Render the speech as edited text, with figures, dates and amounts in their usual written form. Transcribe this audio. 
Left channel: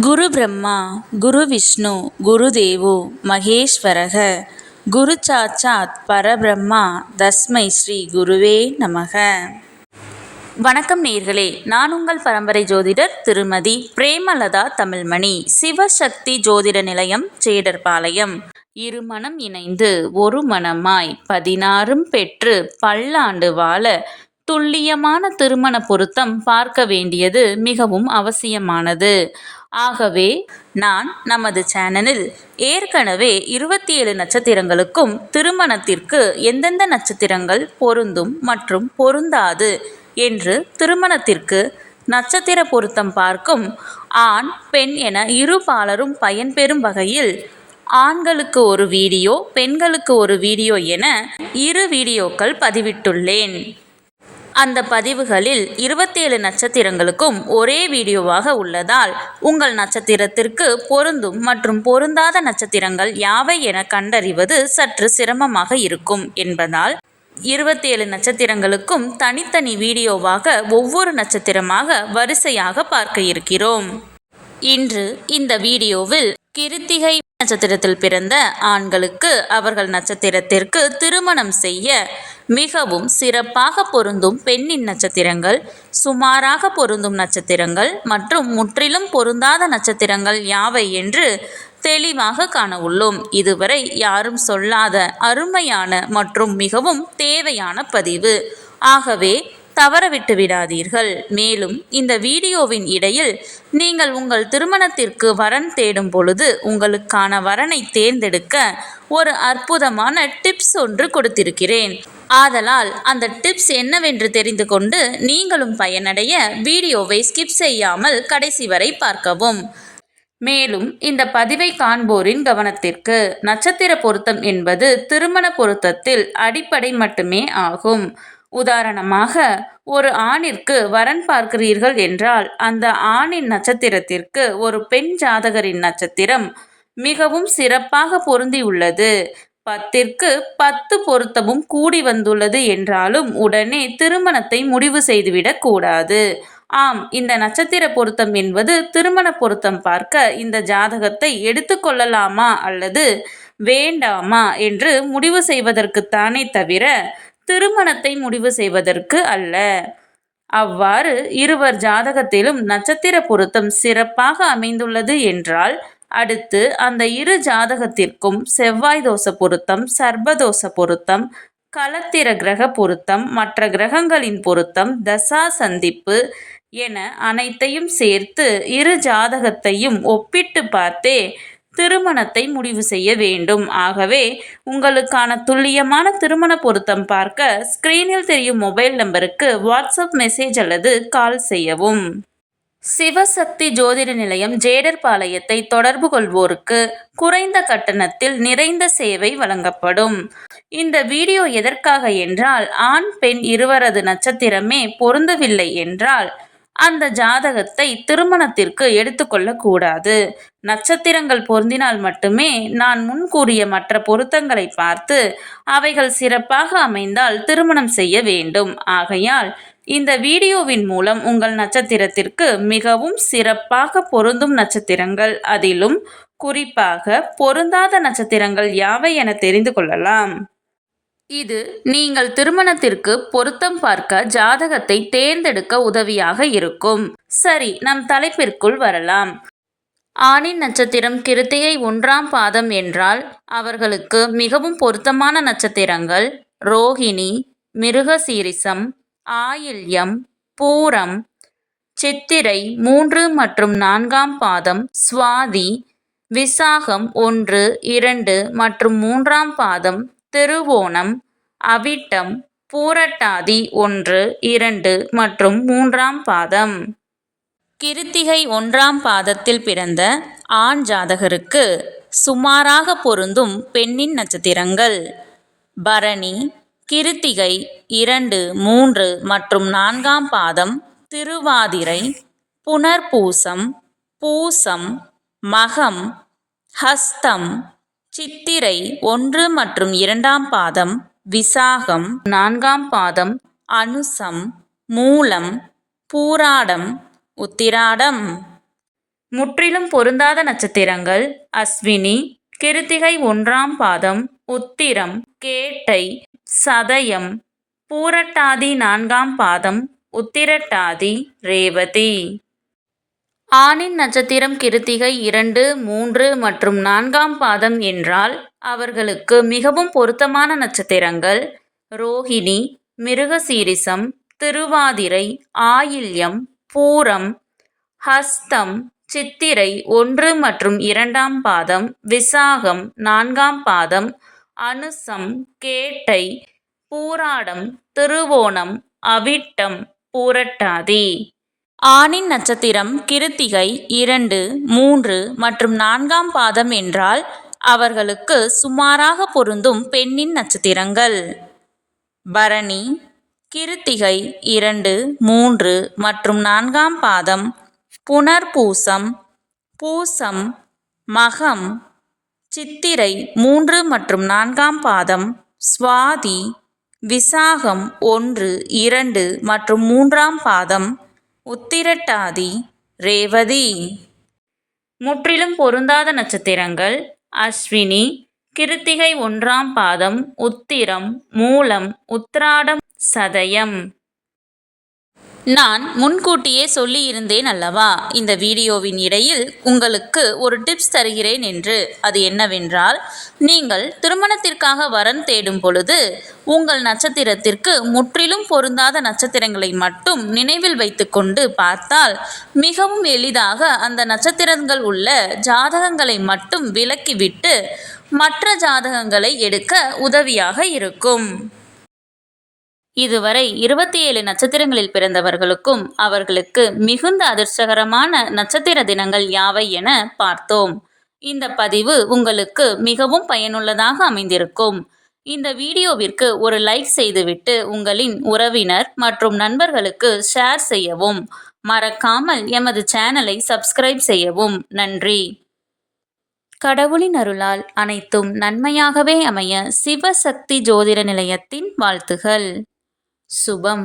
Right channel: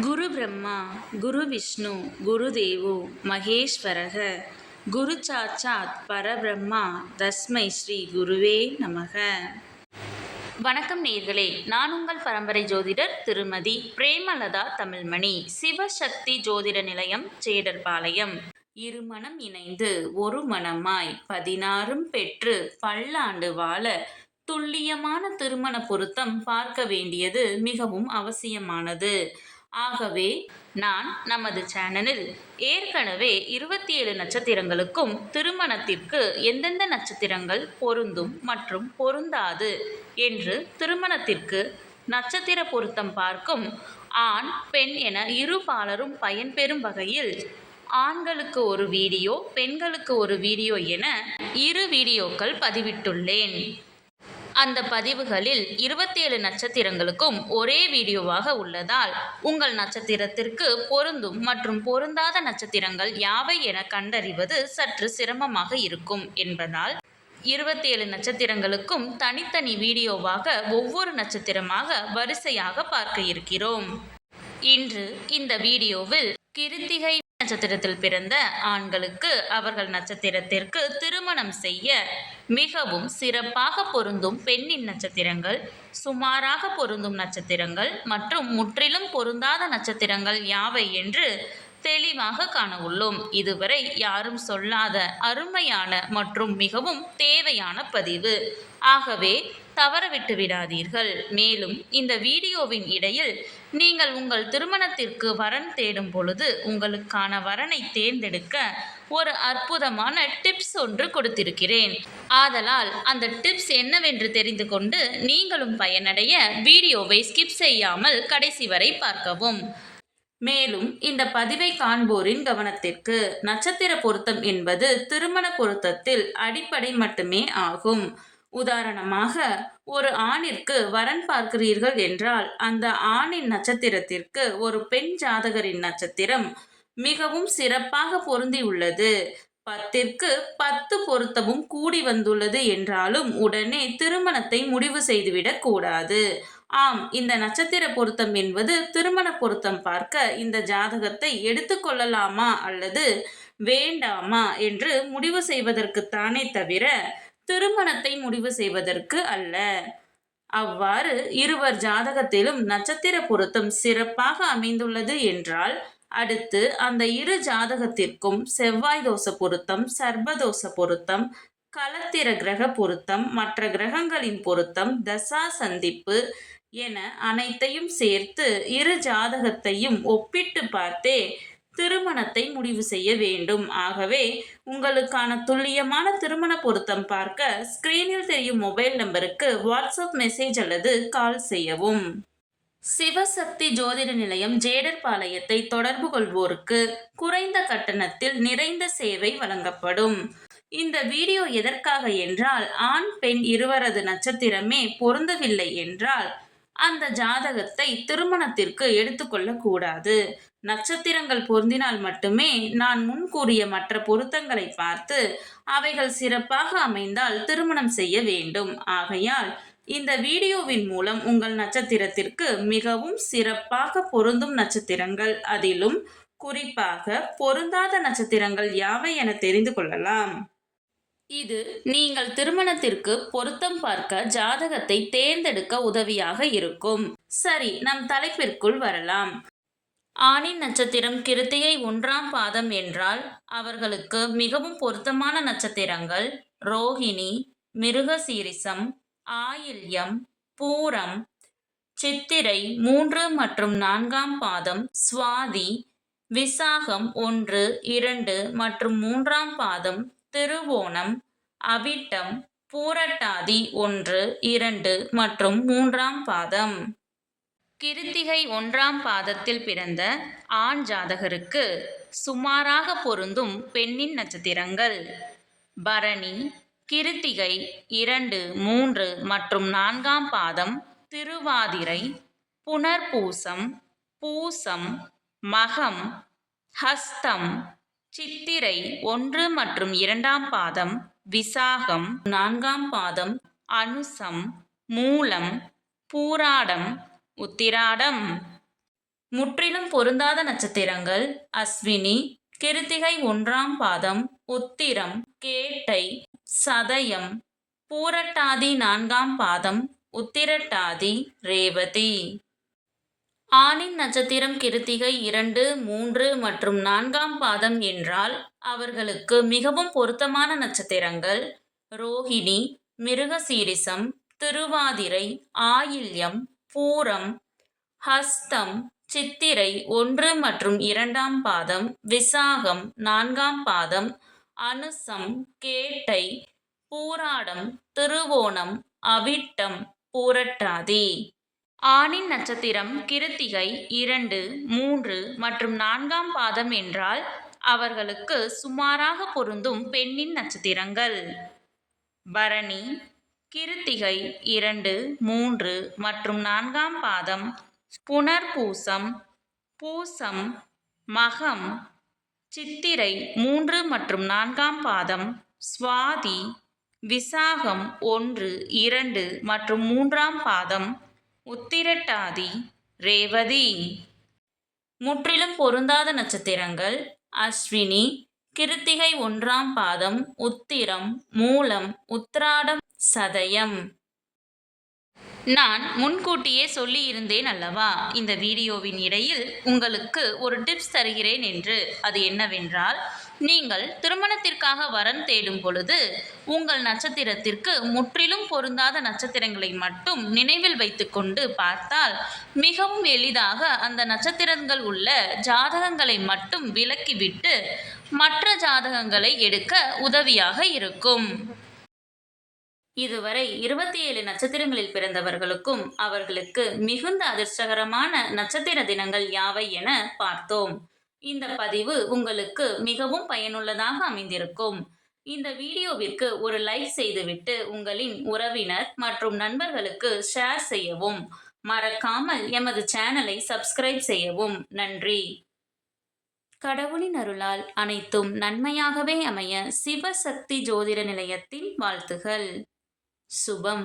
குரு பிரம்மா குரு விஷ்ணு குரு தேவோ மகேஸ்வரக குரு சாட்சாத் பரபிரம்மா தஸ்மை ஸ்ரீ குருவே நமக. வணக்கம் நேயர்களே, நான் உங்கள் பரம்பரை ஜோதிடர் திருமதி பிரேமலதா தமிழ்மணி. சிவசக்தி ஜோதிட நிலையம், ஜேடர்பாளையம். இருமனம் இணைந்து ஒரு மனமாய் 16 பெற்று பல்லாண்டு வாழ துல்லியமான திருமண பொருத்தம் பார்க்க வேண்டியது மிகவும் அவசியமானது. ஆகவே நான் நமது சேனலில் ஏற்கனவே 27 நட்சத்திரங்களுக்கும் திருமணத்திற்கு எந்தெந்த நட்சத்திரங்கள் பொருந்தும் மற்றும் பொருந்தாது என்று திருமணத்திற்கு நட்சத்திர பொருத்தம் பார்க்கும் ஆண் பெண் என இரு பாலரும் பயன்பெறும் வகையில் ஆண்களுக்கு ஒரு வீடியோ, பெண்களுக்கு ஒரு வீடியோ என 2 வீடியோக்கள் பதிவிட்டுள்ளேன். அந்த பதிவுகளில் 27 நட்சத்திரங்களுக்கும் ஒரே வீடியோவாக உள்ளதால் உங்கள் நட்சத்திரத்திற்கு பொருந்தும் மற்றும் பொருந்தாத நட்சத்திரங்கள் யாவை என கண்டறிவது சற்று சிரமமாக இருக்கும் என்பதால் 27 நட்சத்திரங்களுக்கும் தனித்தனி வீடியோவாக ஒவ்வொரு நட்சத்திரமாக வரிசையாக பார்க்க இருக்கிறோம். இன்று இந்த வீடியோவில் கிருத்திகை நட்சத்திரத்தில் பிறந்த ஆண்களுக்கு அவர்கள் நட்சத்திரத்திற்கு திருமணம் செய்ய மிகவும் சிறப்பாக பொருந்தும் பெண்ணின் நட்சத்திரங்கள், சுமாராக பொருந்தும் நட்சத்திரங்கள் மற்றும் முற்றிலும் பொருந்தாத நட்சத்திரங்கள் யாவை என்று தெளிவாக காண உள்ளோம். இதுவரை யாரும் சொல்லாத அருமையான மற்றும் மிகவும் தேவையான பதிவு. ஆகவே தவறவிட்டு விடாதீர்கள். மேலும் இந்த வீடியோவின் இடையில் நீங்கள் உங்கள் திருமணத்திற்கு வரன் தேடும் பொழுது உங்களுக்கான வரனை தேர்ந்தெடுக்க ஒரு அற்புதமான டிப்ஸ் ஒன்று கொடுத்திருக்கிறேன். ஆதலால் அந்த டிப்ஸ் என்னவென்று தெரிந்து கொண்டு நீங்களும் பயனடைய வீடியோவை ஸ்கிப் செய்யாமல் கடைசி வரை பார்க்கவும். மேலும் இந்த பதிவை காண்போரின் கவனத்திற்கு, நட்சத்திர பொருத்தம் என்பது திருமண பொருத்தத்தில் அடிப்படை மட்டுமே ஆகும். உதாரணமாக, ஒரு ஆணிற்கு வரன் பார்க்கிறீர்கள் என்றால் அந்த ஆணின் நட்சத்திரத்திற்கு ஒரு பெண் ஜாதகரின் நட்சத்திரம் மிகவும் சிறப்பாக பொருந்தியுள்ளது, 10ற்கு 10 பொருத்தமும் கூடி வந்துள்ளது என்றாலும் உடனே திருமணத்தை முடிவு செய்துவிடக் கூடாது. ஆம், இந்த நட்சத்திர பொருத்தம் என்பது திருமண பொருத்தம் பார்க்க இந்த ஜாதகத்தை எடுத்துக்கொள்ளலாமா அல்லது வேண்டாமா என்று முடிவு செய்வதற்குத்தானே தவிர திருமணத்தை முடிவு செய்வதற்கு அல்ல. அவ்வாறு இருவர் ஜாதகத்திலும் நட்சத்திர பொருத்தம் சிறப்பாக அமைந்துள்ளது என்றால் அடுத்து அந்த இரு ஜாதகத்திற்கும் செவ்வாய் தோஷ பொருத்தம், சர்ப்பதோஷ பொருத்தம், களத்திர கிரக பொருத்தம், மற்ற கிரகங்களின் பொருத்தம், தசா சந்திப்பு என அனைத்தையும் சேர்த்து இரு ஜாதகத்தையும் ஒப்பிட்டு பார்த்தே திருமணத்தை முடிவு செய்ய வேண்டும். ஆகவே உங்களுக்கான துல்லியமான திருமண பொருத்தம் பார்க்க ஸ்கிரீனில் தெரியும் மொபைல் நம்பருக்கு வாட்ஸ்அப் மெசேஜ் அல்லது கால் செய்யவும். சிவசக்தி ஜோதிட நிலையம், ஜேடர்பாளையத்தை தொடர்பு கொள்வோருக்கு குறைந்த கட்டணத்தில் நிறைந்த சேவை வழங்கப்படும். இந்த வீடியோ எதற்காக என்றால், ஆண் பெண் இருவரது நட்சத்திரமே பொருந்தவில்லை என்றால் அந்த ஜாதகத்தை திருமணத்திற்கு எடுத்துக்கொள்ளக்கூடாது. நட்சத்திரங்கள் பொருந்தினால் மட்டுமே நான் முன் கூறிய மற்ற பொருத்தங்களை பார்த்து அவைகள் சிறப்பாக அமைந்தால் திருமணம் செய்ய வேண்டும். ஆகையால் இந்த வீடியோவின் மூலம் உங்கள் நட்சத்திரத்திற்கு மிகவும் சிறப்பாக பொருந்தும் நட்சத்திரங்கள், அதிலும் குறிப்பாக பொருந்தாத நட்சத்திரங்கள் யாவை என தெரிந்து கொள்ளலாம். இது நீங்கள் திருமணத்திற்கு பொருத்தம் பார்க்க ஜாதகத்தை தேர்ந்தெடுக்க உதவியாக இருக்கும். சரி, நம் தலைப்பிற்குள் வரலாம். ஆணின் நட்சத்திரம் கிருத்திகை 1ஆம் பாதம் என்றால் அவர்களுக்கு மிகவும் பொருத்தமான நட்சத்திரங்கள் ரோகிணி, மிருகசீரிசம், ஆயில்யம், பூரம், சித்திரை 3 மற்றும் 4ஆம் பாதம், சுவாதி, விசாகம் 1, 2 மற்றும் 3ஆம் பாதம், திருவோணம், அவிட்டம், பூரட்டாதி 1, 2 மற்றும் 3ஆம் பாதம். கிருத்திகை 1ஆம் பாதத்தில் பிறந்த ஆண் ஜாதகருக்கு சுமாராக பொருந்தும் பெண்ணின் நட்சத்திரங்கள் பரணி, கிருத்திகை 2, 3 மற்றும் 4ஆம் பாதம், திருவாதிரை, புனர்பூசம், பூசம், மகம், ஹஸ்தம், சித்திரை 1 மற்றும் 2ஆம் பாதம், விசாகம் 4ஆம் பாதம், அனுசம், மூலம், பூராடம், உத்திராடம். முற்றிலும் பொருந்தாத நட்சத்திரங்கள் அஸ்வினி, கிருத்திகை 1ஆம் பாதம், உத்திரம், கேட்டை, சதயம், பூரட்டாதி 4ஆம் பாதம், உத்திரட்டாதி, ரேவதி. ஆணின் நட்சத்திரம் கிருத்திகை 2, 3 மற்றும் 4ஆம் பாதம் என்றால் அவர்களுக்கு மிகவும் பொருத்தமான நட்சத்திரங்கள் ரோஹிணி, மிருகசீரிசம், திருவாதிரை, ஆயில்யம், பூரம், ஹஸ்தம், சித்திரை 1 மற்றும் 2ஆம் பாதம், விசாகம் 4ஆம் பாதம், அனுசம், கேட்டை, பூராடம், திருவோணம், அவிட்டம், பூரட்டாதி. ஆணின் நட்சத்திரம் கிருத்திகை 2, 3 மற்றும் 4ஆம் பாதம் என்றால் அவர்களுக்கு சுமாராக பொருந்தும் பெண்ணின் நட்சத்திரங்கள் பரணி, கிருத்திகை 2, 3 மற்றும் 4ஆம் பாதம், புனர்பூசம், பூசம், மகம், சித்திரை 3 மற்றும் 4ஆம் பாதம், சுவாதி, விசாகம் 1, 2 மற்றும் 3ஆம் பாதம், உத்திரட்டாதி, ரேவதி. முற்றிலும் பொருந்தாத நட்சத்திரங்கள் அஸ்வினி, கிருத்திகை 1ஆம் பாதம், உத்திரம், மூலம், உத்திராடம், சதயம். நான் முன்கூட்டியே சொல்லியிருந்தேன் அல்லவா, இந்த வீடியோவின் இடையில் உங்களுக்கு ஒரு டிப்ஸ் தருகிறேன் என்று. அது என்னவென்றால், நீங்கள் திருமணத்திற்காக வரன் தேடும் பொழுது உங்கள் நட்சத்திரத்திற்கு முற்றிலும் பொருந்தாத நட்சத்திரங்களை மட்டும் நினைவில் வைத்துக்கொண்டு பார்த்தால் மிகவும் எளிதாக அந்த நட்சத்திரங்கள் உள்ள ஜாதகங்களை மட்டும் விலக்கிவிட்டு மற்ற ஜாதகங்களை எடுக்க உதவியாக இருக்கும். இதுவரை 27 நட்சத்திரங்களில் பிறந்தவர்களுக்கும் அவர்களுக்கு மிகுந்த அதிர்ஷ்டகரமான நட்சத்திர தினங்கள் யாவை என பார்த்தோம். இந்த பதிவு உங்களுக்கு மிகவும் பயனுள்ளதாக அமைந்திருக்கும். இந்த வீடியோவிற்கு ஒரு லைக் செய்துவிட்டு உங்களின் உறவினர் மற்றும் நண்பர்களுக்கு ஷேர் செய்யவும். மறக்காமல் எமது சேனலை சப்ஸ்கிரைப் செய்யவும். நன்றி. கடவுளின் அருளால் அனைத்தும் நன்மையாகவே அமைய சிவசக்தி ஜோதிட நிலையத்தின் வாழ்த்துகள். சுபம்.